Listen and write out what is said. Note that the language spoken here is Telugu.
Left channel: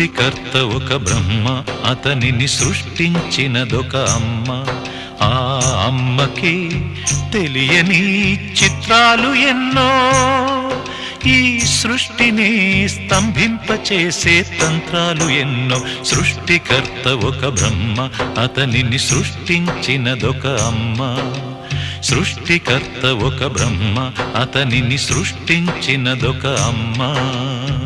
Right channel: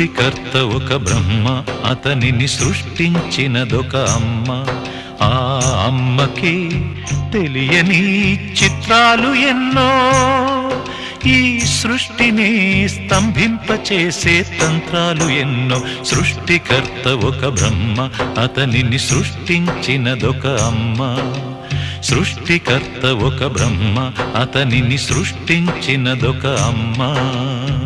సృష్టికర్త ఒక బ్రహ్మ, అతనిని సృష్టించినదొక అమ్మ. ఆ అమ్మకి తెలియని చిత్రాలు ఎన్నో, ఈ సృష్టిని స్తంభింపచేసే తంత్రాలు ఎన్నో. సృష్టికర్త ఒక బ్రహ్మ, అతనిని సృష్టించినదొక అమ్మ. సృష్టికర్త ఒక బ్రహ్మ, అతనిని సృష్టించినదొక అమ్మ.